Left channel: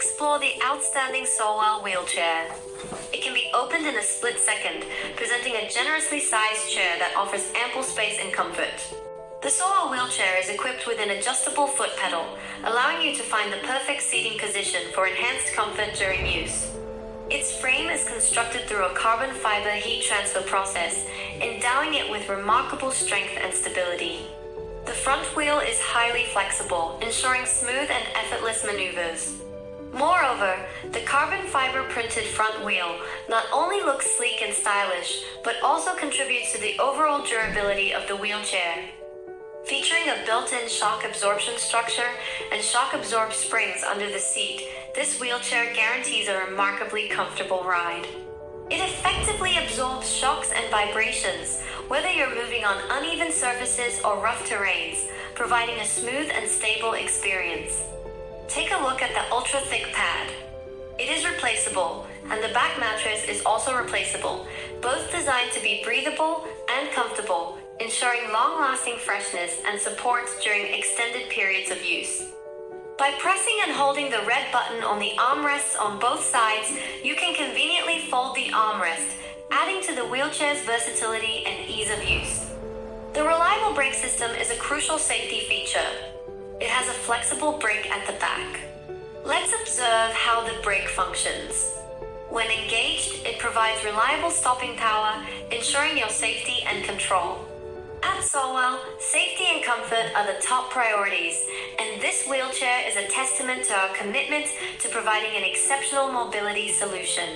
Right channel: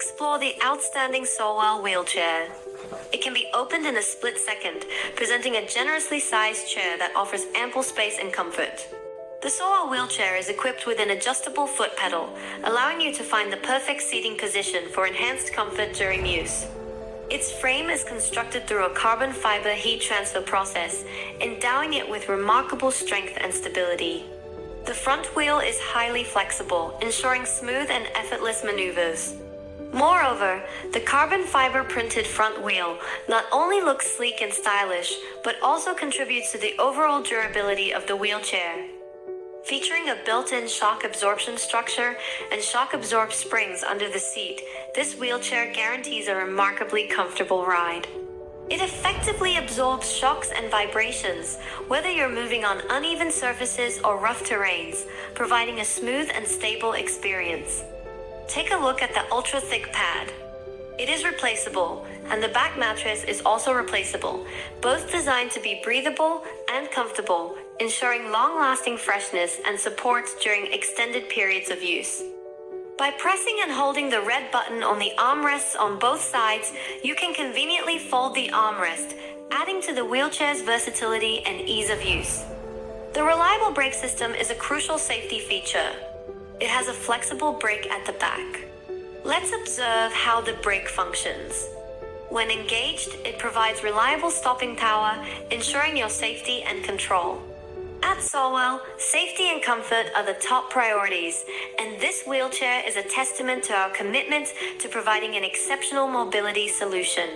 explore the outstanding Sowell wheelchair. It can be opened in a split second, presenting a generously sized chair that offers ample space and comfort. The Sowell wheelchair is equipped with an adjustable foot pedal, allowing you to find the perfect seating position for enhanced comfort during use. Its frame is constructed through a carbon fiber heat transfer process, endowing it with remarkable strength and stability. The front wheel is highly flexible, ensuring smooth and effortless maneuvers. Moreover, the carbon fiber printed front wheel not only looks sleek and stylish, but also contributes to the overall durability of the wheelchair. Featuring a built-in shock absorption structure and shock-absorbed springs under the seat, this wheelchair guarantees a remarkably comfortable ride. It effectively absorbs shocks and vibrations, whether you're moving on uneven surfaces or rough terrains, providing a smooth and stable experience. Take a look at the ultra-thick pad. It is replaceable, and the back mattress is also replaceable, both designed to be breathable and comfortable, ensuring long-lasting freshness and support during extended periods of use. By pressing and holding the red button on the armrests on both sides, you can conveniently fold the armrest, adding to the wheelchair's versatility and ease of use. The reliable brake system is a crucial safety feature. It has a flexible brake at the back. Let's observe how the brake functions. When engaged, it provides reliable stopping power, ensuring your safety and control. At Sowell, safety and comfort are the top priorities, and this wheelchair is a testament to our commitment to providing an exceptional mobility solution.